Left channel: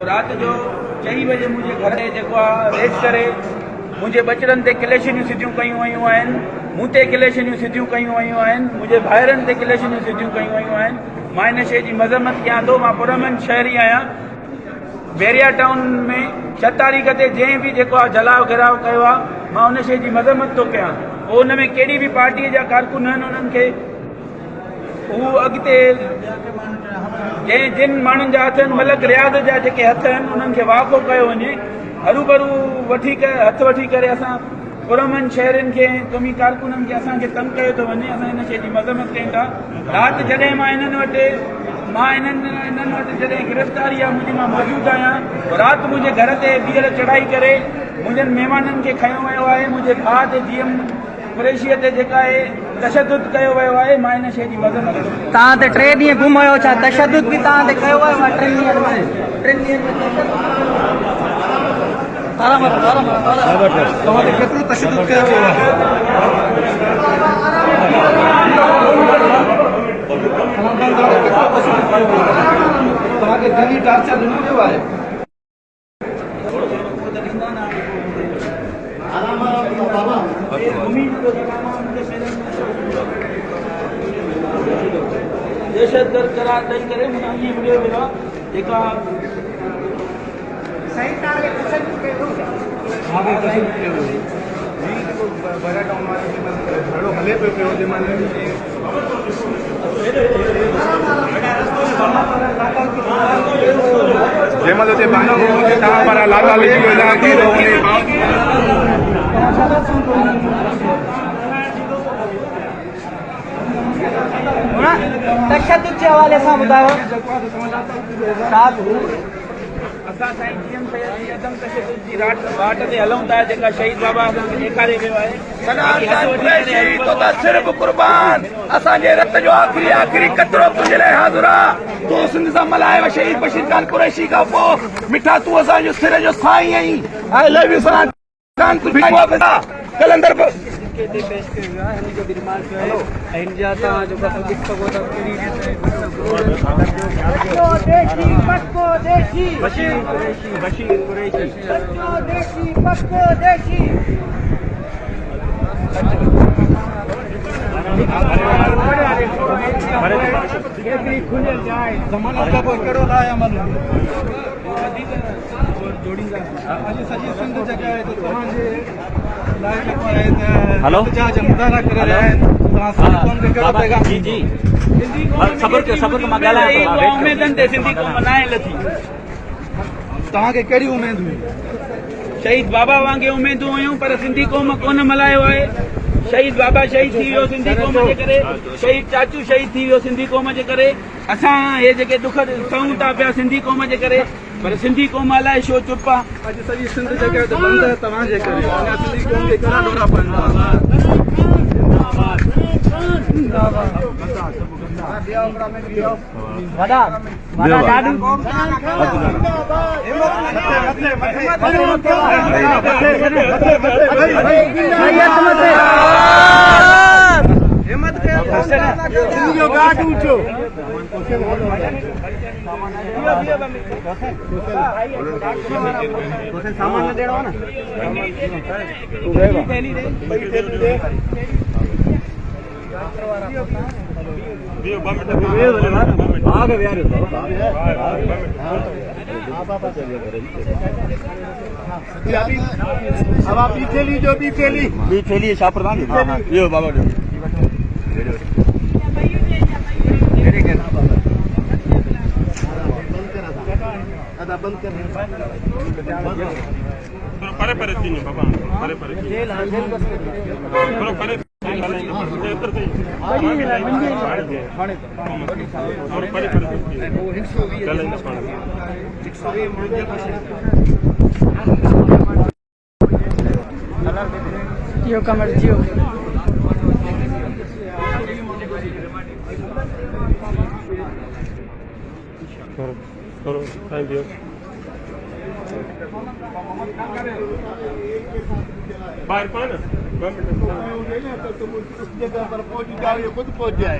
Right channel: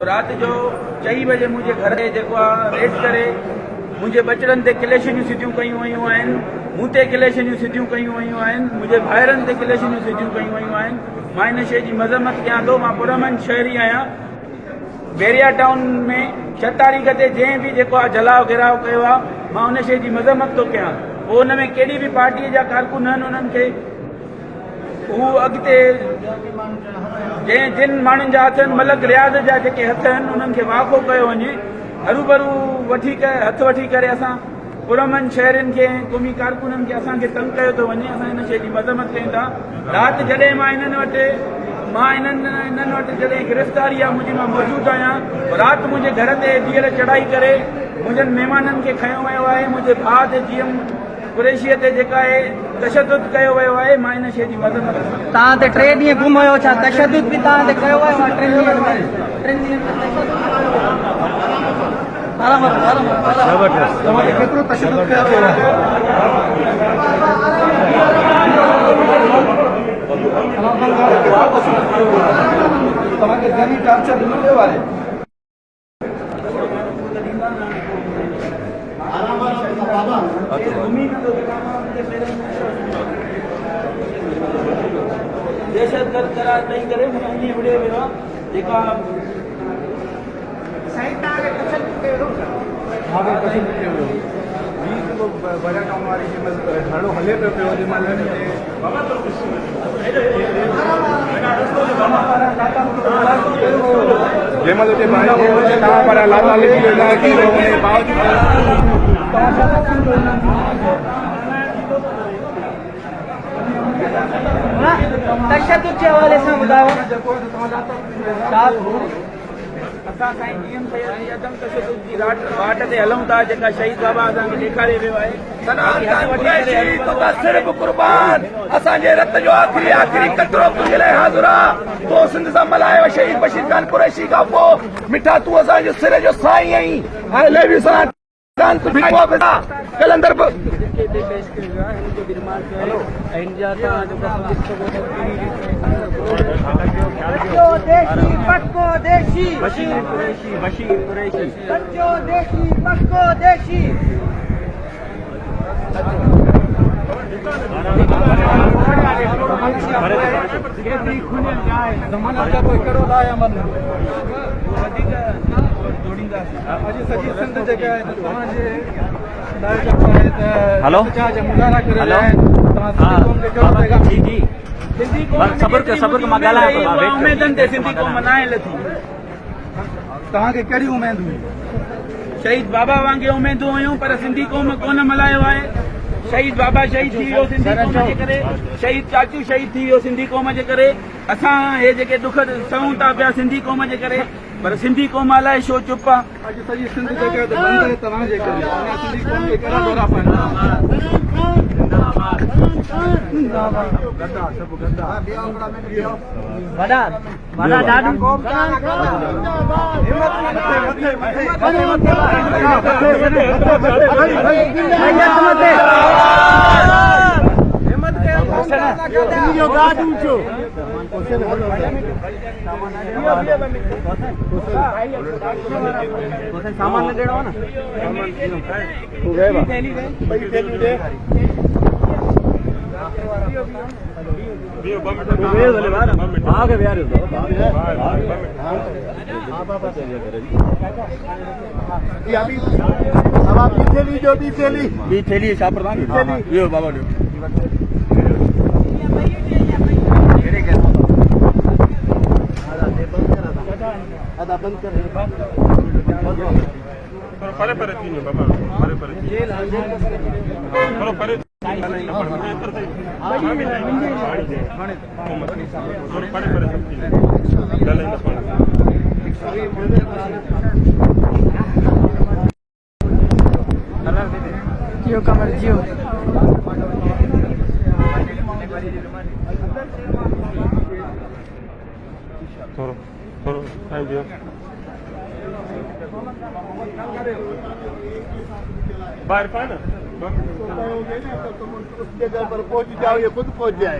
रात जो 4 बजे मुझे घर रेड करे मुझे बचड़न ते क्लेशनियूं सिधियूं कयूं वयूं आहिनि, मूं ते क्लेशनियूं सिधियूं कयूं वयूं आहिनि, मुंहिंजे भाइरनि ते क्लेशनियूं सिधियूं कयूं वयूं आहिनि। मां इन शइ जी मज़म्मत कयां थो। मां पुरमन शहरी आहियां। बैरिया टाउन में 6 तारीख़ ते जंहिं बि जेको आहे जलाओ घिराव कयो आहे, मां उन शइ जी मज़म्मत थो कयां। पोइ उन में कहिड़ी बि पार्टीअ जा कारकुन आहिनि, उन्हनि खे हू अॻिते जिन माण्हुनि जा हथ मलक रियाज़ जा जेके हथ आहिनि उन्हनि खे वाक़ो कयो वञे। हरूभरू हथ वठी करे असां पुरमन शहरनि खे क़ौमी कारकुननि खे असांखे तंग कयो थो वञे। असां इन शइ जी मज़म्मत कयूं था। राति जॾहिं मां इन्हनि वटि जॾहिं गिरफ़्तारी आहे मुंहिंजी, मां मौजूदु आहियां। राति मुंहिंजे घर ते ॾींहर चढ़ाई करे मुंहिंजनि महिमाननि खे खयो वियो आहे। मुंहिंजे भाउ ते जीएम कुरैशीअ ते जेका आहे तशदुद कयो वियो आहे। मां इन शइ जी मज़म्मत कंदुमि। तव्हां ते 3 ॾींहं गुम हुयो, छा तशदुद बि तव्हां ते कयो वियो आहे? 3 ॾींहंनि तव्हां ते केतिरो तशदुद कयो वियो आहे? तव्हांखे घणी टार्चर मिलियो आहे? दहशतगर्द करार ॾेई करे विड़ियो वियो आहे। जेका बैरिया टाउन वारी ॾाढो हले पियो जंहिंमहिल हुते तव्हां पर लाला तशदुद जे हवाले सां ॿुधायो। असां साईं जीएम सैयद जी अदम तशदुद जी वाट ते हलूं था, जेका शहीद बाबा असांखे ॾेखारे वियो आहे। सिर्फ़ क़ुर्बान असांजे रत जो आख़िरी कतरो तुंहिंजे लाइ हाज़िर आहे। तूं सिंध सां मल्हायो शहीद बशीर खान कुरैशी खां पोइ मिठा तूं असांजो सिर जो साईं आहीं। कलंदर पेश कयो आहे। हिन जो निर्माण कयो आहे ऐं हिन जा तव्हां जेको ॾिसी सघो था बशीर कुरैशी हेलो मुज़ाहरा करे रहिया आहिनि। जी जी सबर के मां ॻाल्हायां थो। उमेदनि ते सिंधी क़ौम मल्हाइण लथी। तव्हांखे कहिड़ी उमेद हुई? शहीद बाबा वांगुरु उमेदूं हुयूं, पर सिंधी क़ौम कोन मल्हायो आहे। शहीद बाबा शहीद थी वियो सिंधी क़ौम जे करे, शहीद चाचू शहीद थी वियो सिंधी क़ौम जे करे। असां हे जेके दुख सहूं था पिया सिंधी क़ौम जे करे, पर सिंधी क़ौम अलाए छो चुप आहे। अॼु सॼी सिंध जेके बंदि आहे तव्हांजे करे। सिंधी क़ौम खे कहिड़ा दौरा पवंदा? सामान ॾियणो न ॿी थैली छा प्रधान इहो बाबा ॾियो। बंद कर परे परे थी बाबा परे परे यो कमर जियो थोरो खाई दियो। बाहर पाए ना जगह पर पहुंच जाओ, ये खुद पहुंच जाए।